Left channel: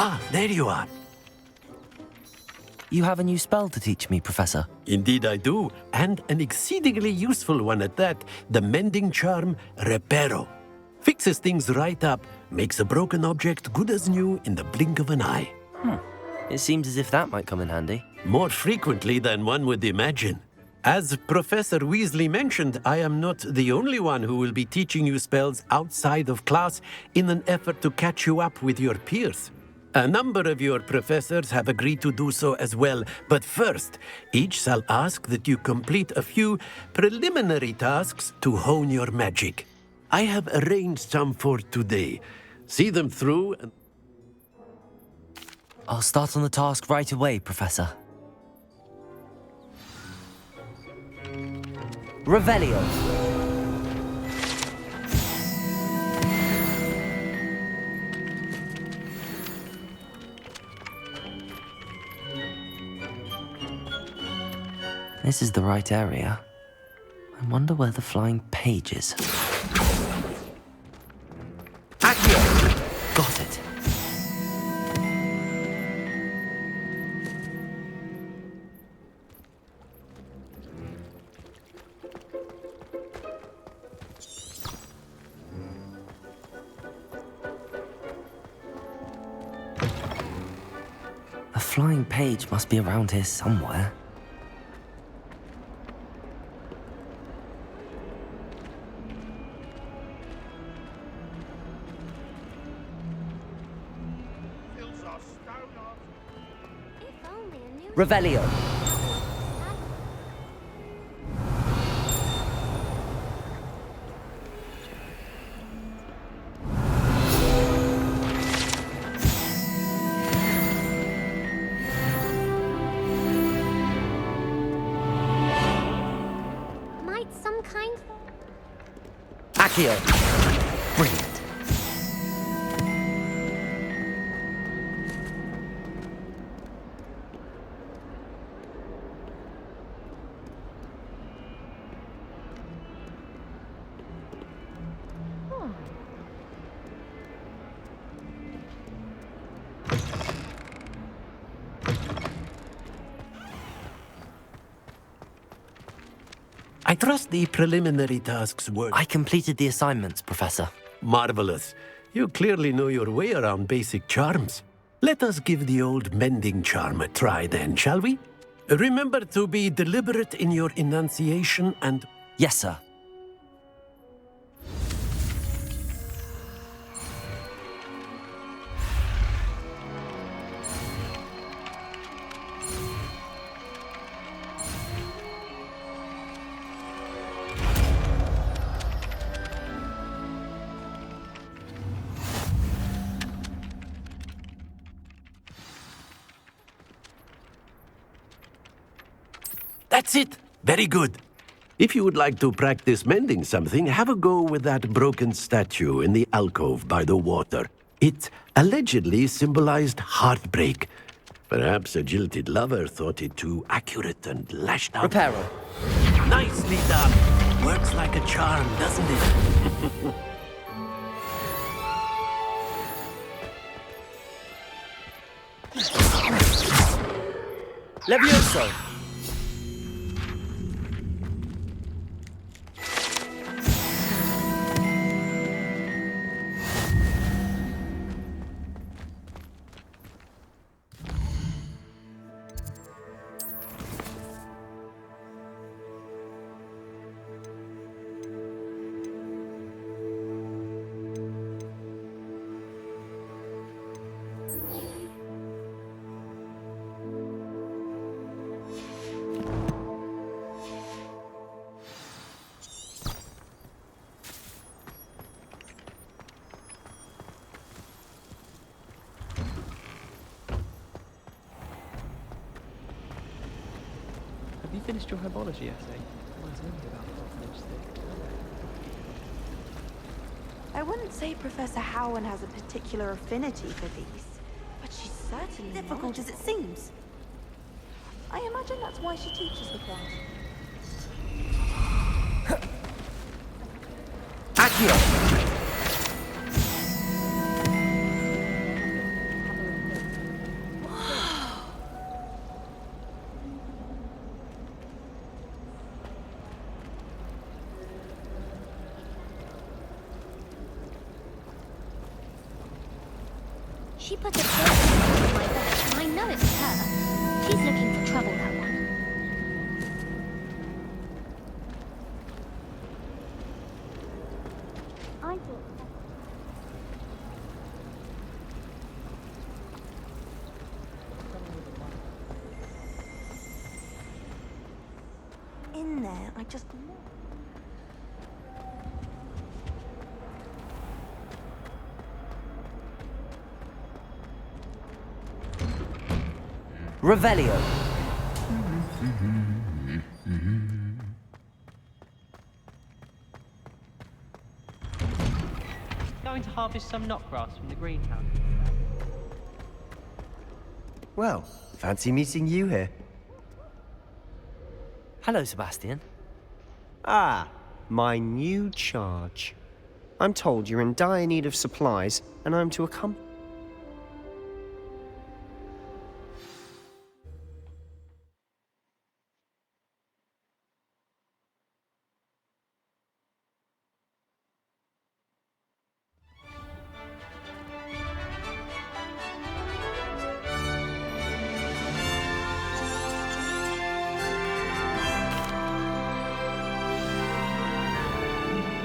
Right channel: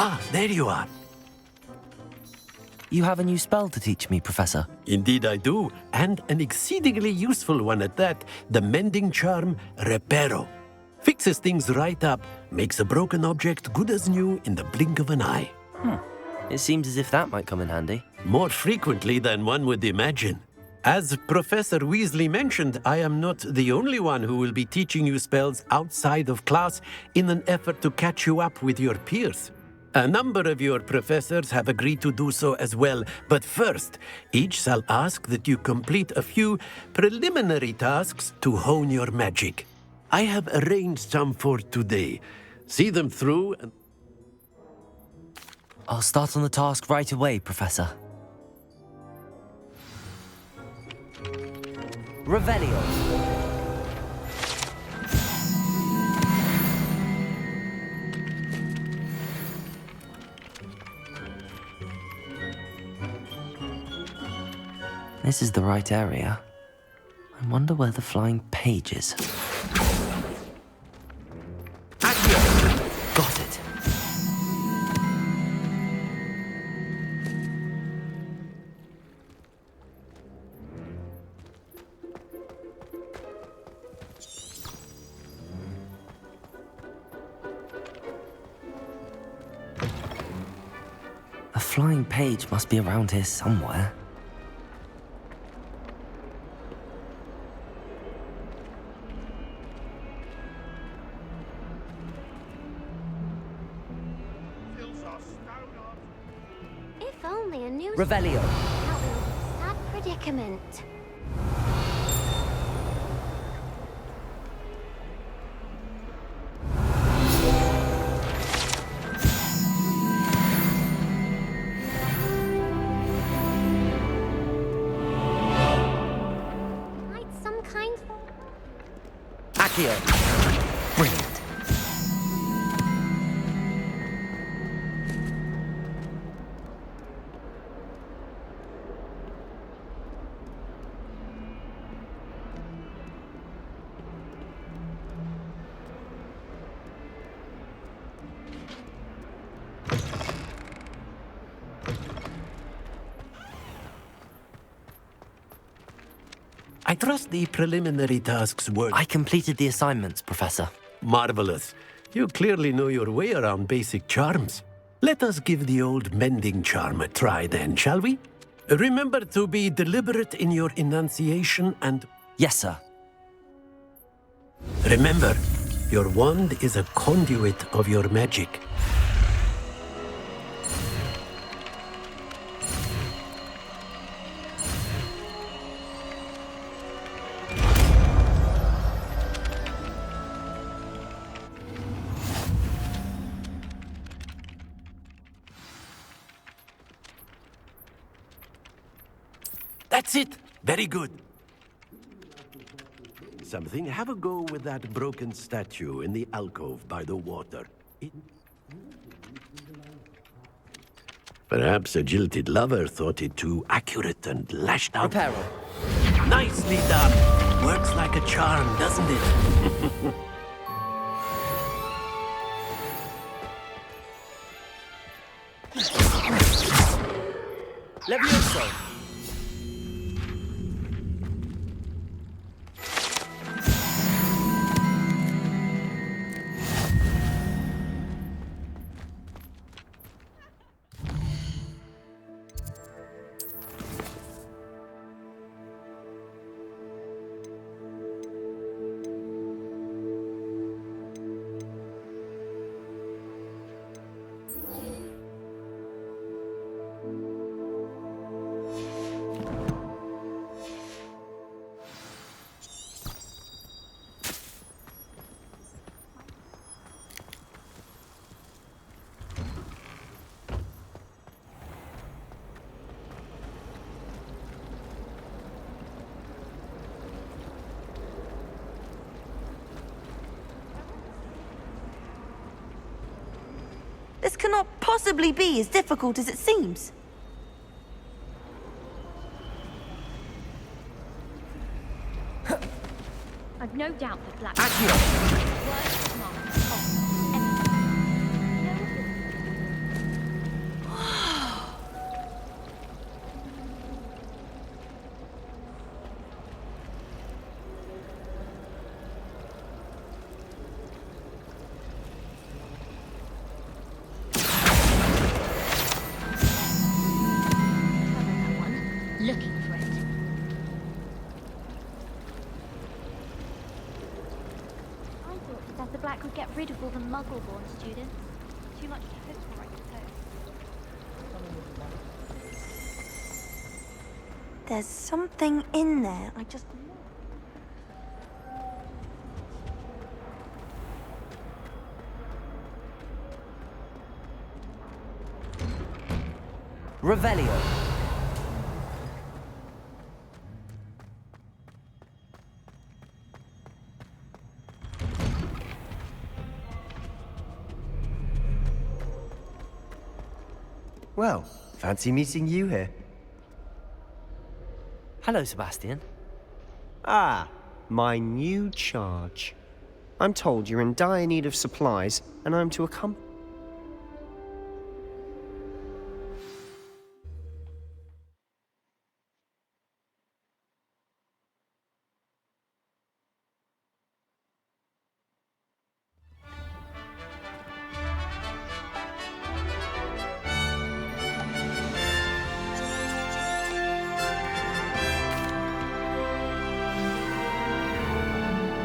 Ah, there you are. You have a new spell to teach me, Professor. Indeed I do, and an exceedingly useful one at that. The mending charm, Reparo. Fixes things right up, makes a broken object good as new in the blink of an eye. It seems as if that might come in handy. More frequently than one would imagine. As Professor Weasley mentioned, I am not the only one who will be teaching you spells outside of class in an effort to catch you up with your peers. A number of your professors have agreed to do so as well, but first, each shall ask that you complete a few preliminary tasks to hone your magic. I have arranged some for today. See them through and... I'll start on the task right away, Professor. Revelio. This is the right area. I wonder where the flying page is. Accio! Got it. A flying page must be around here somewhere. If only a new Revelio. sad predicament. Might some kind Accio. Brilliant. I trust the preliminary tasks were... I completed the assignments, Professor. Marvelous. You clearly know your way around basic charms. Let us give the old mending charm a try then, shall we? Remember to be deliberate in your enunciation and... Yes, sir. Remember, your wand is a conduit of your magic. That's it! Very good. If you would like to practice mending something, have a go with that broken statue in the alcove by the water. It allegedly symbolized heartbreak. Perhaps a jilted lover thought it too accurate and lashed out. Reparo. Nicely done. Works like a charm, doesn't it? Levioso. Finished your herbology yesterday? I wouldn't say Professor Howard has a particular affinity for these. This cannot possibly be as difficult as it seems. I imagine that's why she teaches the class. I've no doubt that Black... Accio. She put the I know it's her. She's looking for trouble, that one. Looking for it. I thought Professor Black would get rid of all the Muggle-born students. Too much There's something in there. I just know. Revelio. Going to harvest some knotgrass from the greenhouse. Well, fancy meeting you here. Hello, Sebastian. Ah, my new charge. I'm told you're in dire need of supplies, and I'm to accompany.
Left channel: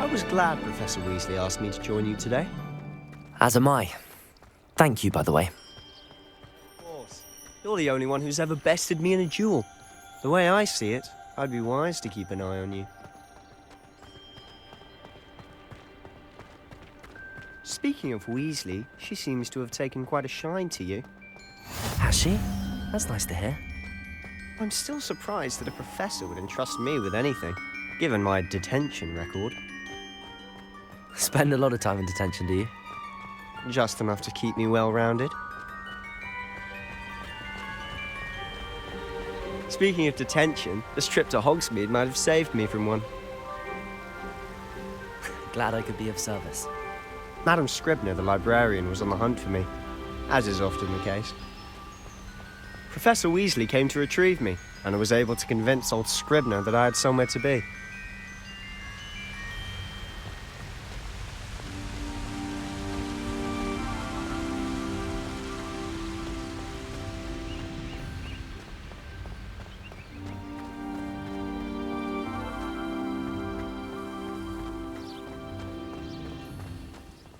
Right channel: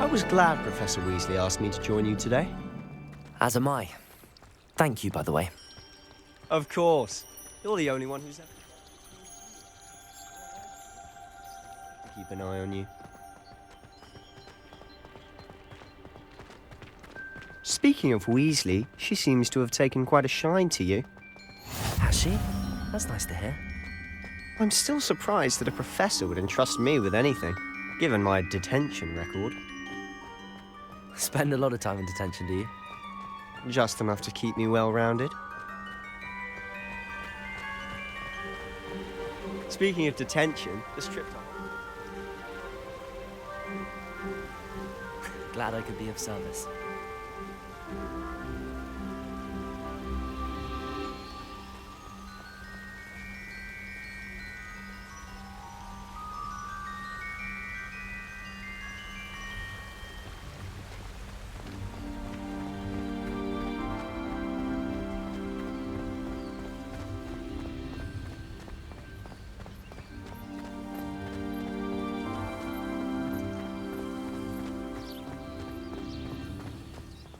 I was glad Professor Weasley asked me to join you today. As am I. Thank you, by the way. Of course. You're the only one who's ever bested me in a duel. The way I see it, I'd be wise to keep an eye on you. Speaking of Weasley, she seems to have taken quite a shine to you. Has she? That's nice to hear. I'm still surprised that a professor would entrust me with anything, given my detention record. Spend a lot of time in detention, do you? Just enough to keep me well-rounded. Speaking of detention, this trip to Hogsmeade might have saved me from one. Glad I could be of service. Madam Scribner, the librarian, was on the hunt for me, as is often the case. Professor Weasley came to retrieve me, and I was able to convince old Scribner that I had somewhere to be.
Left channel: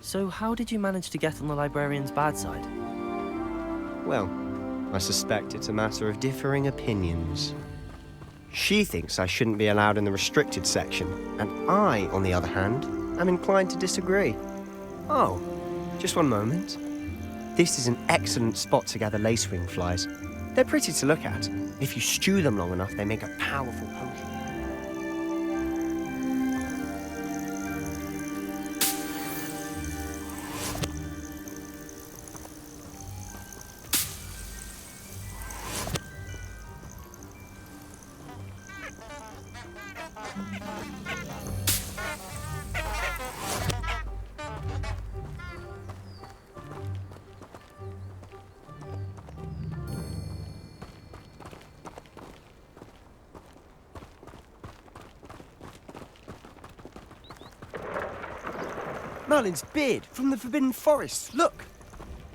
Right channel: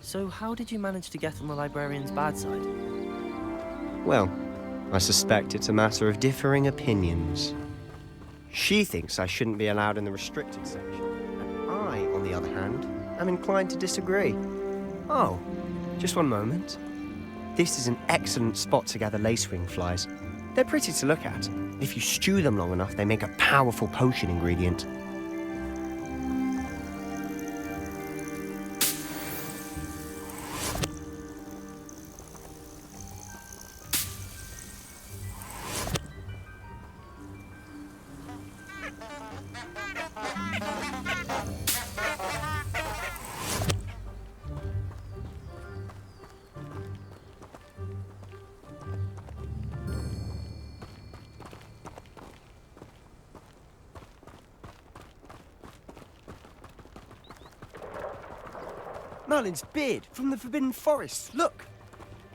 So how did you manage to get on the librarian's bad side? Well, I suspect it's a matter of differing opinions. She thinks I shouldn't be allowed in the restricted section, and I, on the other hand, am inclined to disagree. Oh, just one moment. This is an excellent spot to gather lacewing flies. They're pretty to look at. If you stew them long enough, they make a powerful potion ingredient. Merlin's beard from the Forbidden Forest. Look!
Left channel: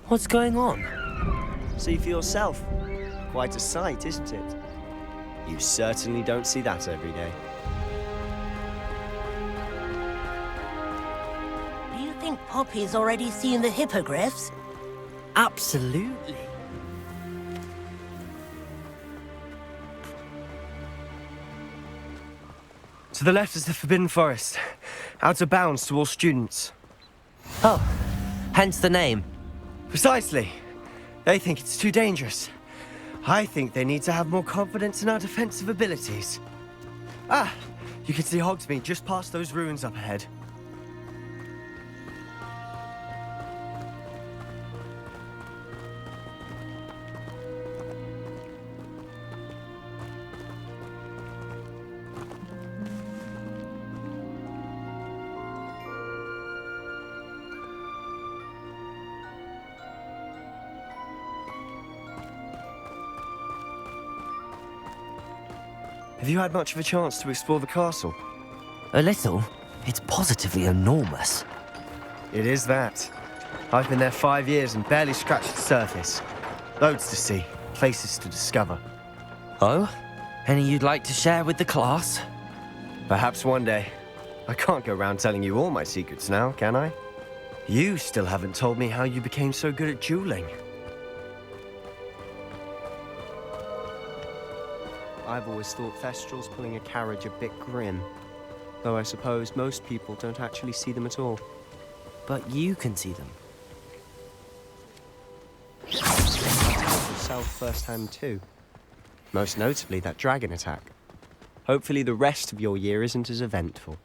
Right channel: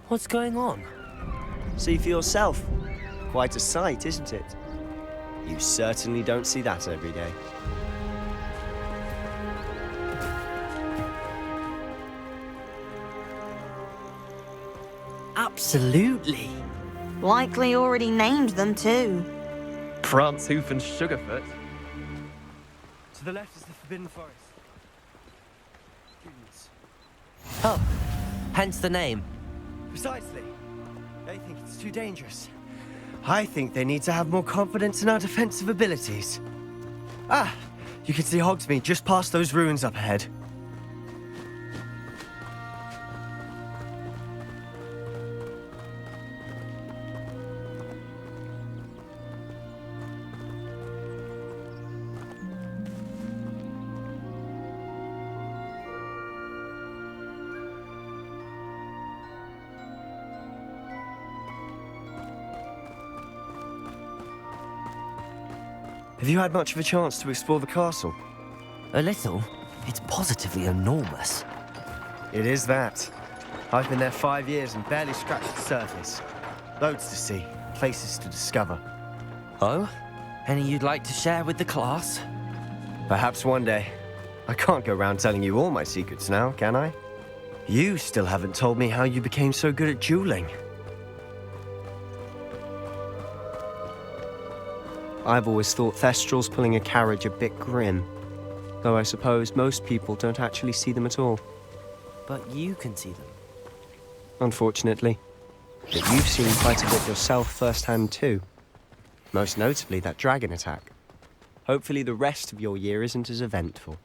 What's going on? See for yourself. Quite a sight, isn't it? You certainly don't see that every day. Do you think Poppy's already seen the hippogriffs? Absolutely. Likely already named them too. Prance, Hoof, and Sugarfoot. To the left is the Forbidden Forest. Out of bounds to all students. Oh, hence the name. Precisely. They think it's too dangerous. I think they need to have more confidence in our defensive abilities. Ah, you can see Hogsmeade just past those ruins up ahead. Have you had much of a chance to explore the castle? A little. It's positively enormous. It is that. I've been there 5 years and barely scratched the surface. Loads to see, places to discover. Oh? Any you'd like to share with the class? Perhaps one day. I can't go around telling you all my secrets now, can I? You still haven't told me how you became so good at dueling. I've always thought Thestrals pulling a carriage a bit grim. Though I suppose most people don't actually see them at all. But you can see them. Unfortunately. But you've seen quite a bit yourself firsthand too. Most notably that dragon attack. Hopefully the rest of your year isn't as eventful.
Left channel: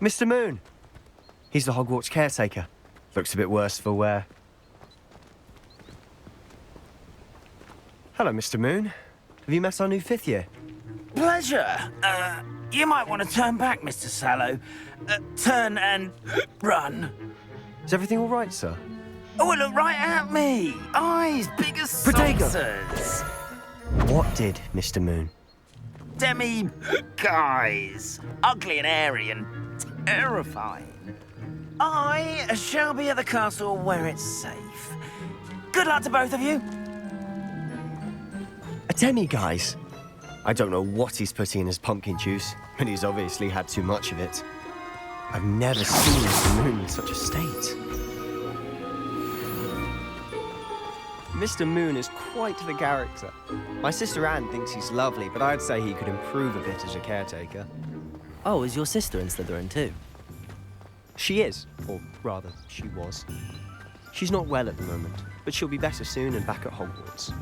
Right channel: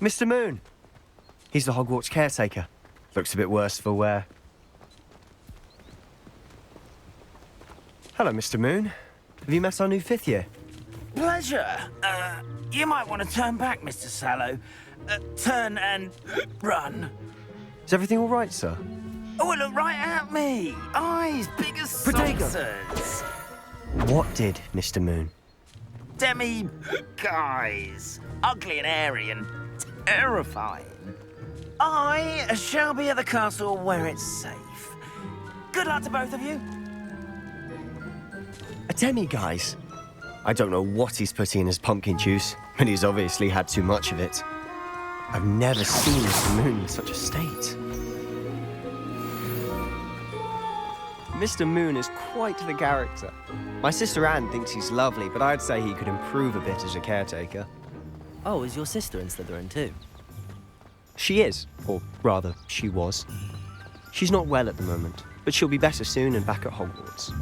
Mr. Moon! He's the Hogwarts caretaker. Looks a bit worse for wear. Hello, Mr. Moon. Have you met our new 5th year? Pleasure. You might want to turn back, Mr. Sallow. Turn and run. Is everything all right, sir? Oh, look right at me. Eyes big as saucers. What did, Mr. Moon? Guys. Ugly and airy and terrifying. I shall be at the castle where it's safe. Good luck to both of you. A demi-guise? I don't know what he's putting in his pumpkin juice, but he's obviously had too much of it. I've never seen Mr. Moon in such a state. Mr. Moon is quite the character. My sister Anne thinks he's lovely, but I'd say he could improve a bit as a caretaker. Oh, is your sister in Slytherin too? She is, or rather, she was. She's not well at the moment, but she'll be better soon and back at Hogwarts.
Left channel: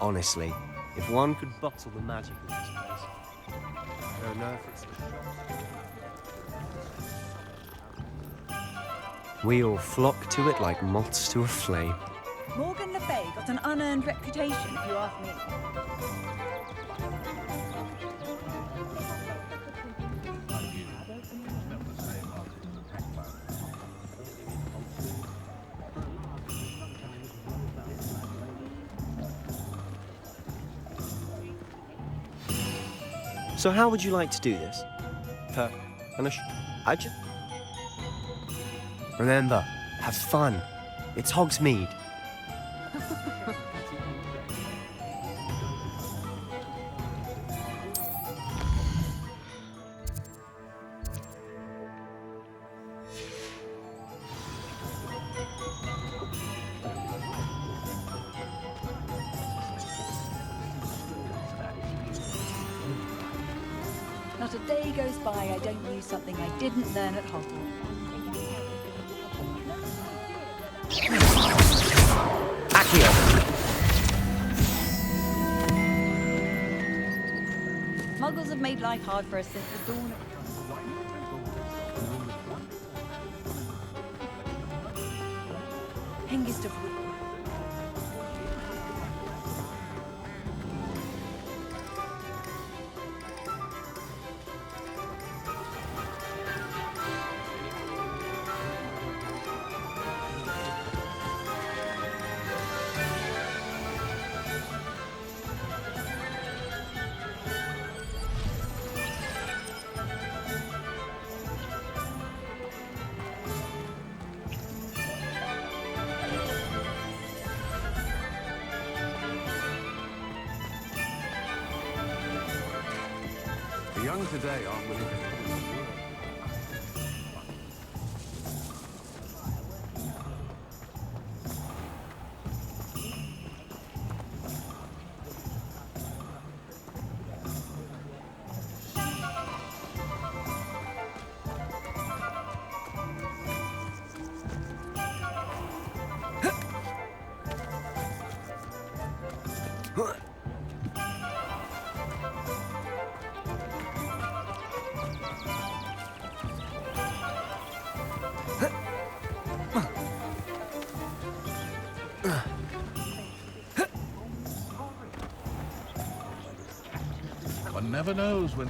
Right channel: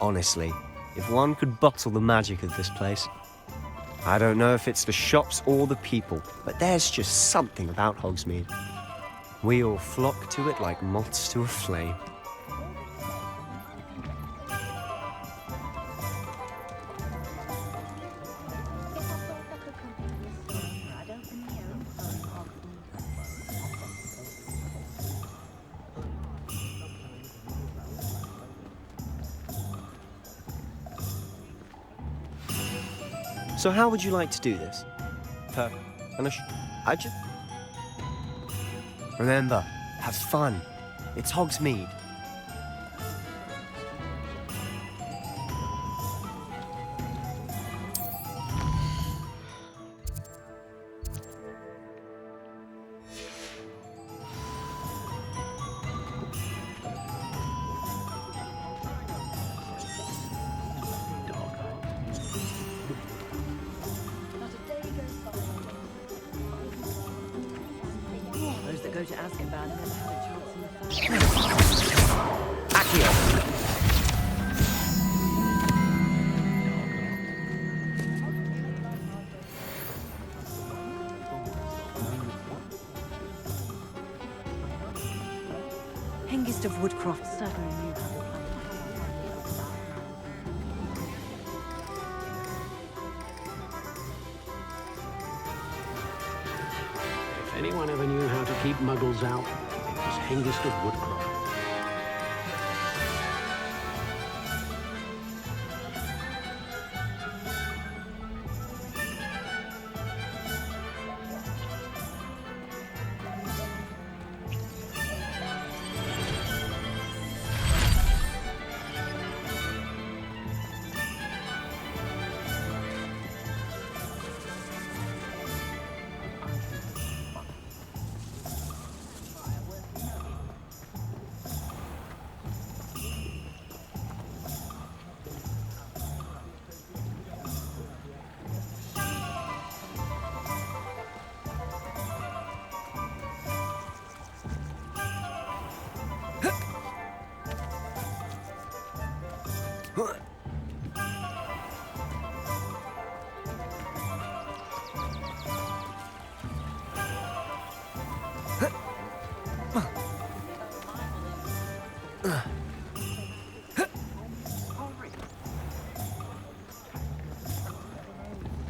Honestly, if one could bottle the magic of this place. I don't know if it's the shops or the people, but there's just something about Hogsmeade. We all flock to it like moths to a flame. Morgan Le Fay got an unearned reputation, if you ask me. So how would you like to do this? Remember, have fun. It's Hogsmeade. Not a day goes by I don't use something I didn't learn at home. Accio! Muggles have made life hard for us since the dawn. Hengist of Woodcroft. If anyone ever knew how to keep muggles out, it was Hengist of Woodcroft. never knows when...